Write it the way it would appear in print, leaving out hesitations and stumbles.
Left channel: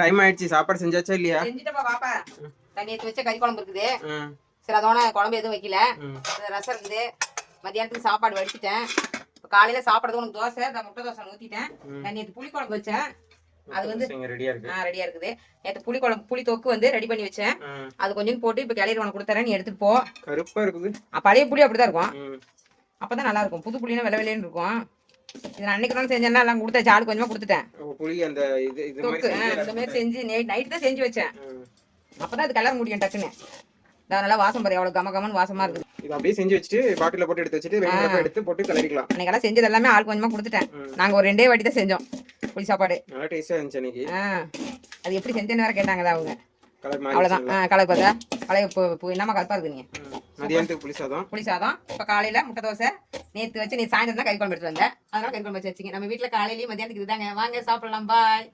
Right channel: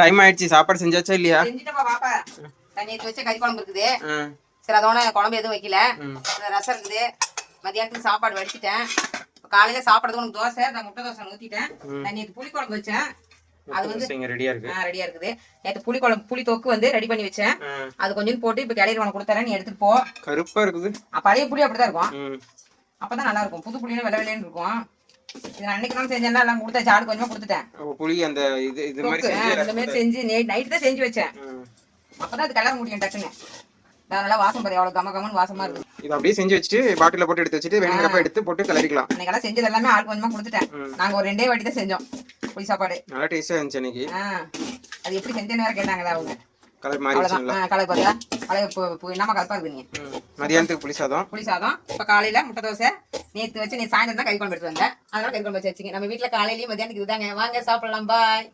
Time ஆயிடுச்சு. சாப்பாடு செஞ்சாச்சா இல்லையா? செஞ்சுட்டப்பா பாப்பா. நேற்று வச்ச கறி குழம்பு இருக்குது. சரி அதோட குழம்பு எதுவும் வைக்கல. ரசம் இருக்குது. மதியானத்துக்கு சாப்பாடு வடிச்சிட்டேன். காலையில சாப்பிட்றதுக்கு உனக்கு தோசை, முட்டை தோசை ஊற்றிட்டேன். நான் நேற்று புளி குழம்பு வச்சேன். அது வந்து ரெடியா இருக்குது. நேற்று புளி தொக்கு வந்து ரெடி பண்ணி வச்சேன். அது கொஞ்சம் போட்டு இப்ப கிளையில உனக்கு கொடுத்தறேன், நீ எடுத்துட்டு போ. கருப்பா இருக்குது. பழைய புளி அப்படிதான் இருக்கும். அப்பதான் நல்லா இருக்கும். புது புளினா வெள்ளை வெள்ளைன்னு இருக்கும். இது அன்னைக்கு தான் செஞ்சேன்னா எல்லாம் கொடுத்தேன். ஆளு கொஞ்சமா கொடுத்துட்டேன். புளி அந்த இது மாதிரி செஞ்சு நைட் தான் செஞ்சு வச்சேன். அப்பதான் அது கலர் முடியும் டக்குன்னு. நல்லா வாசம் பாரு, எவ்வளவு கம கமன்னு வாசமா இருக்கு. இது அப்படியே செஞ்சு வச்சுட்டு பாட்டில போட்டு எடுத்து வச்சுட்டு வேணுங்கிறப்ப எடுத்து போட்டு கிளறிக்கலாம். அன்னைக்கெல்லாம் செஞ்சது எல்லாமே ஆள் கொஞ்சமா கொடுத்துட்டேன். நாங்க ஒரு 2 வாட்டி தான் செஞ்சோம் புளி சாப்பாடு. நல்லா டேஸ்டா இருந்துச்சு அன்னைக்கு. அது எப்படி செஞ்சேன்னு வேற கேட்டாங்க அவங்க. கலர் மாறி அவ்வளவுதான். கலர் பார்த்தா கலர் என்னமா கலப்பா இருக்கு. நீங்க மதியானத்துக்கு புளி சாதம். இப்ப காலையில முட்டை தோசை. நேத்து வச்சு நீ சாயந்தரம் தான் கறி குழம்பு எடுத்து வந்தேன். அதனால கறி குழம்பு வச்சு வச்சுங்க. நம்ம வீட்டுல காலையிலயும் மதியானத்துக்கு இதுதாங்க. வாங்க சாப்பிடலாம். பாய்.